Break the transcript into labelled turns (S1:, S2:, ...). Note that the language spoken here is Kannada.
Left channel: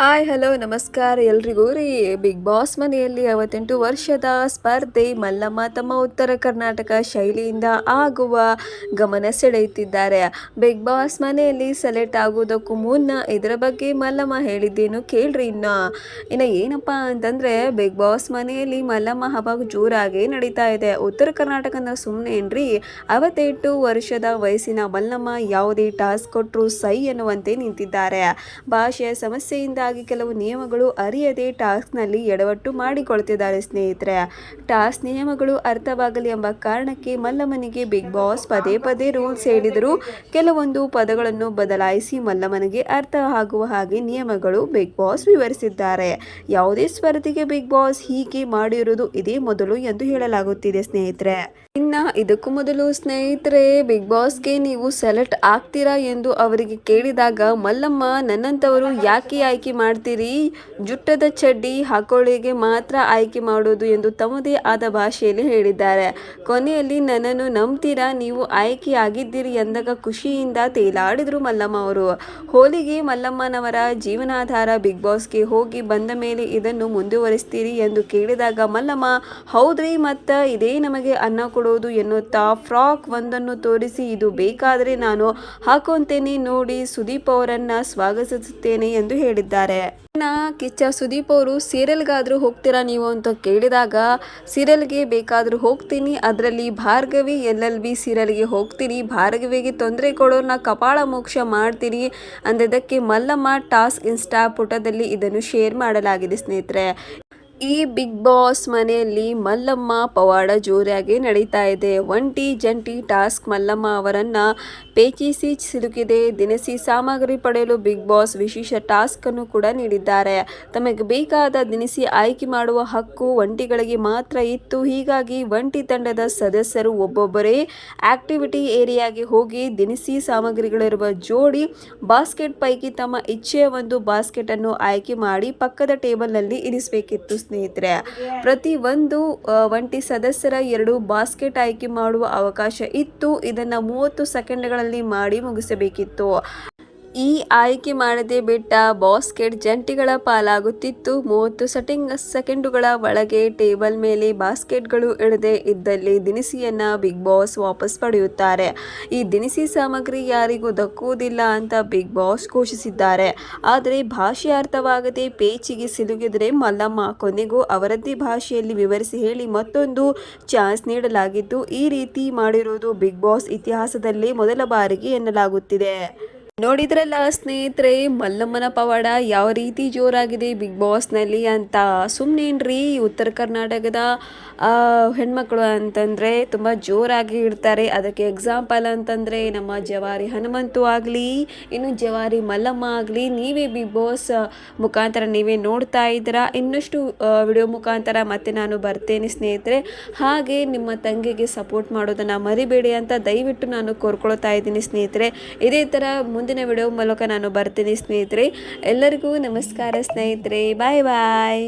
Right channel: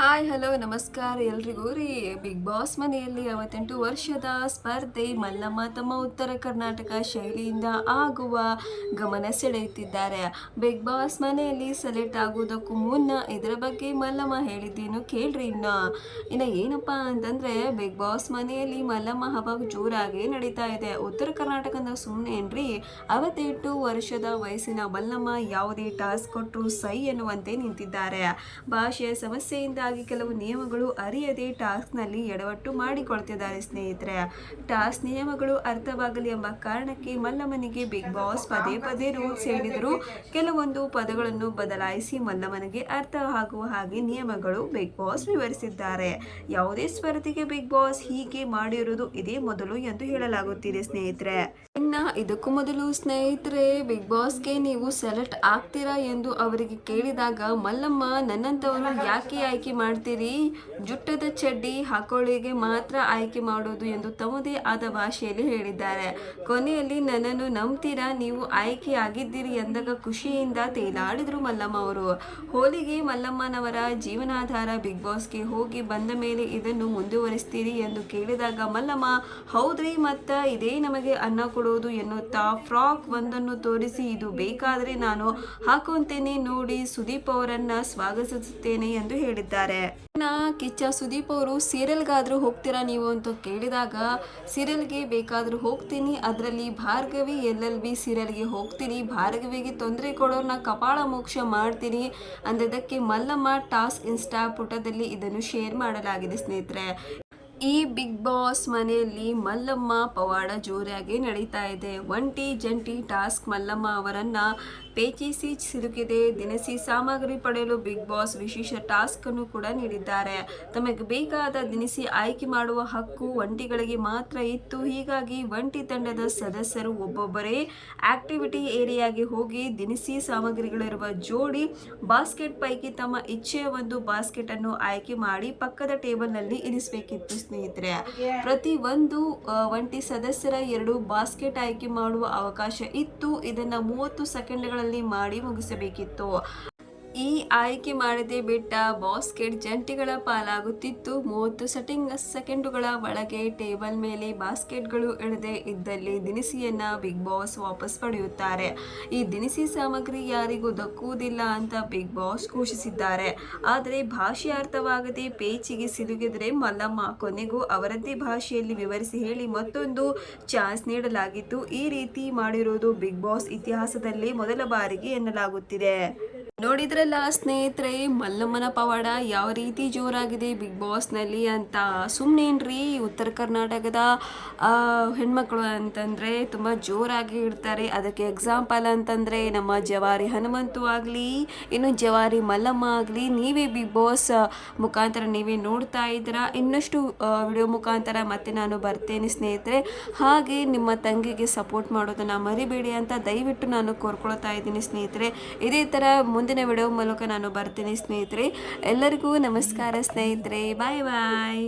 S1: ಹಾಯ್ ಹಲೋ ನಮಸ್ಕಾರ ಎಲ್ರಿಗೂ ರೀ. ಬಿಗ್ ಬಾಸ್ ಮನೆಯಲ್ಲಿ ಅವತ್ತೆಂಟು ವರ್ಷದ ಸ್ಪರ್ಧೆ. ಮಲ್ಲಮ್ಮ ತಮ್ಮ ಉತ್ತರ ಕರ್ನಾಟಕ ಶೈಲಿಯಿಂದ ಆಗುವ ಗಮನ ಸೆಳೆಯುತ್ತಿದ್ದಾರೆ. ಬಿಗ್ ಬಾಸ್ ಮನೆಯಲ್ಲಿ ಸೆಲೆಕ್ಟ್ ಆಗೋದಕ್ಕೂ ಮುನ್ನ ಇದರ ಬಗ್ಗೆ ಮಲ್ಲಮ್ಮ ಹೇಳಿದ್ದೇನು ಕೇಳ್ರಿ ಇನ್ನು. ಇನ್ನು ಏನಪ್ಪ ಅಂತಂದರೆ ಬಿಗ್ ಬಾಸ್ ಮನೆಯಲ್ಲಿ ಮಲ್ಲಮ್ಮ ಹಬ್ಬ ಜೋರಾಗಿ ನಡೀತಾ ಇದೆ. ಉತ್ತರ ಕರ್ನಾಟಕನ ಸುಮ್ಮನೆ ಏನ್ರಿ, ಅವತ್ತೆಂಟು ವರ್ಷದ ವಯಸ್ಸಿನ ಮಲ್ಲಮ್ಮ ಯಾವುದೇ ಟಾಸ್ಕ್ ಕೊಟ್ಟರು ಸೈ ಎನ್ನುವಂತೆ ನಿಂತಿದ್ದಾರೆ. ಭಾಷೆಯ ಸಮಸ್ಯೆಯಿಂದಾಗಿ ಕೆಲವು ನಿಯಮಗಳು ಅರಿಯದೆ ಟಾಸ್ಕ್ನಲ್ಲಿ ಎಡವಟ್ಟು ಮಾಡಿಕೊಳ್ತಿದ್ದಾರೆ ಸ್ನೇಹಿತರೆ. ಟಾಸ್ಕ್ ನಿಯಮಗಳು ಅರ್ಥವಾಗಲಿ ಎಂಬ ಕಾರಣಕ್ಕೆ ಮಲ್ಲಮ್ಮನಿಗೆ ಬಿಗ್ ಬಾಸ್ ಪದೇ ಪದೇ ರೂಲ್ಸ್ ಹೇಳಿದರೂ ಕೆಲವೊಂದು ಪದಗಳನ್ನು ಬದಲಾಯಿಸಿ ಮಲ್ಲಮ್ಮನಿಗೆ ಅರ್ಥ ಆಗುವ ಹಾಗೆ ನಿಯಮಗಳು ಬಿಗ್ ಬಾಸ್ ವಿವರಿಸಿದ್ದಾರೆ. ಯಾವುದೇ ಸ್ಪರ್ಧೆಗೆ ಬಿಗ್ ಬಾಸ್ ಹೀಗೆ ಮಾಡಿರುವುದು ಇದೇ ಮೊದಲು ಎಂದು ಹೇಳಲಾಗುತ್ತಿದೆ ಸ್ನೇಹಿತರೆ. ಇನ್ನ ಇದಕ್ಕೂ ಮೊದಲು ಸ್ನೇಹಿತರೆ ಬಿಗ್ ಬಾಸ್ಗೆ ನೀವು ಸೆಲೆಕ್ಟ್ ಆಗ್ತೀರಾ ಎಂದು ಅವರಿಗೆ ಕೇಳಿದಾಗ, ಮಲ್ಲಮ್ಮ ನನ್ನಂಥವರು ಯಾಕೆ ಆಯ್ಕೆ ಮಾಡ್ತೀರಿ? ಜುಟ್ಟದ ಚಡ್ಡಿ ಹಾಕೊಳ್ಳಿಗೆ ಮಾತ್ರ ಆಯ್ಕೆ ಮಾಡೋದು ಎಂದು ತಮ್ಮದೇ ಆದ ಭಾಷೆಯಲ್ಲಿ ಹೇಳಿದ್ದಾರೆ. ಕೊನೆಯಲ್ಲಿ, ನನ್ನನ್ನು ನಂಬ್ತೀರಾ? ನೀವು ಆಯ್ಕೆ ಆಗಿದ್ದೀರಿ ಎಂದಾಗ ಖುಷಿಯಿಂದ ತೇಲಾಡಿದರು ಮಲ್ಲಮ್ಮ ಅವರು. ಹೋಲಿಗೆ ಮಲ್ಲಮ್ಮನವರ ಜೀವನಾಧಾರ ಬಿಗ್ ಬಾಸ್ಗೆ ಹೋಗಿ ಬಂದ ಮೇಲೆ ಇದನ್ನು ಮುಂದುವರಿಸ್ತೀರಿ ಎಂದು ಕೇಳಿದಾಗ, ಮಲ್ಲಮ್ಮ, ಹೌದ್ರಿ, ಮತ್ತ ಇದೇ ನಮಗೆ ಅನ್ನ ಕೊಡೋದು ಎನ್ನುತ್ತಾ ಫ್ರಾಕ್ ಒಂದನ್ನು ತೋರಿಸಿ ಇದು ಬೇಕಾದರೆ ನಾನು ಹಾಕೊಂತೇನೆ ನೋಡಿ ಸುದೀಪ್ ಅವರನ್ನ ಸ್ವಾಗತಿಸುತ್ತೇನೆ ಎಂದು ಹೇಳಿದ್ದಾರೆ. ಕಿಚ್ಚ ಸುದೀಪ್ ಅವರು ಸೀರಿಯಲ್ಗಾದರೂ ಹೋಗ್ತೀರಾ ನೀವು ಅಂತ ಕೇಳಿದಾಗ ಸೀರಿಯಲ್ಗೆ ಬೇಕಾದರೂ ಹೋಗ್ತೀನಿ, ಅದರಲ್ಲಿ ಭಾರ್ಗವಿ, ಎಲ್ ಎಲ್ ಬಿ ಸೀರಿಯಲ್ಗೆ ಹೋಗ್ತೀನಿ, ಭಾರ್ಗವಿಗೆ ತೊಂದರೆ ಕೊಡೋರ್ನ ಕಪಾಳ ಮೋಕ್ಷ ಮಾಡ್ತೀನಿ ಅಂದದಕ್ಕೆ ಮಲ್ಲಮ್ಮ ಟಾಸ್ಕ್ ಇನ್ಸ್ಟಾ ಪುಟದಲ್ಲಿ ಇದನ್ನು ಶೇರ್ ಮಾಡಲಾಗಿದೆ ಸ್ನೇಹಿತರೆ. ಈ ಬಿಗ್ ಬಾಸ್ ಮನೆಯಲ್ಲಿ ಮಲ್ಲಮ್ಮ, ಪವಾಡ ಜೋರಾಗಿ ನಡೀತಾ ಇದೆ. ಒಂಟಿ ಜಂಟಿ ಟಾಸ್ಕ್ ಮಲ್ಲಮ್ಮ ಅವರನ್ನ ಪೇಚಿಸಿ ಸಿಲುಕಿದೆ. ದಿನಸಿ ಸಾಮಗ್ರಿ ಪಡೆಯಲು ಬಿಗ್ ಬಾಸ್ ವಿಶೇಷ ಟಾಸ್ಕ್ ಅನ್ನು ಕೂಡ ನೀಡಿದ್ದಾರೆ. ತಮಗೆ ಬೇಕಾದ ದಿನಸಿ ಆಯ್ಕೆ ಮಾಡುವ ಹಕ್ಕು ಒಂಟಿಗಳಿಗೆ ಮಾತ್ರ ಇತ್ತು. ಹೀಗಾಗಿ ಒಂಟಿ ತಂಡದ ಸದಸ್ಯರು ಒಬ್ಬೊಬ್ಬರೇ ಆಕ್ಟಿವಿಟಿ ಏರಿಯಾಗೆ ಹೋಗಿ ದಿನಸಿ ಸಾಮಗ್ರಿಗಳಿರುವ ಜೋಡಿ ಬಾಸ್ಕೆಟ್ ಪೈಕಿ ತಮ್ಮ ಇಚ್ಛೆಯ ಒಂದು ಬಾಸ್ಕೆಟ್ ಅನ್ನು ಆಯ್ಕೆ ಮಾಡಿ ಪಕ್ಕದ ಟೇಬಲ್ನಲ್ಲಿ ಇರಿಸಬೇಕಿತ್ತು. ಸ್ನೇಹಿತರೆ ಪ್ರತಿ ಒಂದು ಒಂಟಿ ಸದಸ್ಯರ ಎರಡು ಬಾಸ್ಕೆಟ್ ಆಯ್ಕೆ ಮಾಡುವ ಅವಕಾಶ ಇತ್ತು. ಇದನ್ನು ಮೂವತ್ತು ಸೆಕೆಂಡ್ಗಳಲ್ಲಿ ಮಾಡಿ ಮುಗಿಸಬೇಕಿತ್ತು. ಈ ಆಯ್ಕೆ ಮಾಡದೆ ಬಿಟ್ಟ ಬಾಸ್ಕೆಟ್ ಜಂಟಿಗಳ ಪಾಲಾಗುತ್ತಿತ್ತು. ಮೂವತ್ತು ಸೆಟಿಂಗ್ ಸೆಕೆಂಡುಗಳ ಒಳಗೆ ಟೇಬಲ್ ಮೇಲೆ ಬಾಸ್ಕೆಟ್ಗಳು ಇಡದೆ ಇದ್ದಲ್ಲಿ ದಿನಸಿಯನ್ನು ಬಿಗ್ ಬಾಸ್ ವಾಪಸ್ ಪಡೆಯುತ್ತಾರೆ. ಈ ದಿನಸಿ ಸಾಮಗ್ರಿ ಯಾರಿಗೂ ದಕ್ಕುವುದಿಲ್ಲ ಅಂತ ಬಿಗ್ ಬಾಸ್ ಘೋಷಿಸಿದ್ದಾರೆ. ಆದರೆ ಭಾಷೆ ಅರ್ಥವಾಗದೆ ಪೇಚಿಗೆ ಸಿಲುಗಿದರೆ ಮಲ್ಲಮ್ಮ ಕೊನೆಗೂ ಅವರದ್ದೇ ಭಾಷೆಯಲ್ಲಿ ವಿವರಿಸಿ ಹೇಳಿ ಮತ್ತೊಂದು ಚಾನ್ಸ್ ನೀಡಲಾಗಿದ್ದು, ಈ ರೀತಿ ಮಾಡಿರುವುದು ಬಿಗ್ ಬಾಸ್ ಇತಿಹಾಸದಲ್ಲಿ ಮೊದಲ ಬಾರಿಗೆ ಎನ್ನಲಾಗುತ್ತಿದೆ. ನೋಡಿದ್ರಲ್ಲ ಸ್ನೇಹಿತರೆ, ಮಲ್ಲಮ್ಮನ ಪವಾಡ ಯಾವ ರೀತಿ ಜೋರಾಗಿದೆ ಬಿಗ್ ಬಾಸ್ನಲ್ಲಿ ಅಂತ. ಸುಮ್ಮನೇನ್ರಿ ಉತ್ತರ ಕರ್ನಾಟಕದ ಹೆಣ್ಮಕ್ಳು ಅಂತಂದರೆ ತುಂಬ ಜೋರಾಗಿ ಇರ್ತಾರೆ ಅದಕ್ಕೆ ಎಕ್ಸಾಂಪಲ್ ಅಂತಂದರೆ ನಮ್ಮ ಜವಾರಿ ಹನುಮಂತು ಆಗಲಿ, ಇನ್ನು ಜವಾರಿ ಮಲ್ಲಮ್ಮ ಆಗಲಿ, ನೀವೇ ಬಿಗ್ ಬಾಸ್ ಮುಖಾಂತರ ನೀವೇ ನೋಡ್ತಾ ಇದ್ದೀರಾ? ಇನ್ನಷ್ಟು ವಿಡಿಯೋ ಮುಖಾಂತರ ಮತ್ತೆ ನಾನು ಬರ್ತೇನೆ ಸ್ನೇಹಿತರೆ. ಹಾಗೆ ನಿಮ್ಮ ತಂಗಿಗೆ ಸಪೋರ್ಟ್ ಮಾಡೋದನ್ನು ಮರಿಬೇಡಿ ಅಂತ ದಯವಿಟ್ಟು ನಾನು ಕೋರ್ಕೊಳ್ತಾ ಇದ್ದೀನಿ ಸ್ನೇಹಿತರೆ. ಇದೇ ಥರ ಮುಂದಿನ ವಿಡಿಯೋ ಮೂಲಕ ನಾನು ಬರ್ತೀನಿ ಸ್ನೇಹಿತರೆ. ಎಲ್ಲರಿಗೂ ನಮಸ್ಕಾರ ಸ್ನೇಹಿತರೆ. ಬಾಯ್ ಬಾಯ್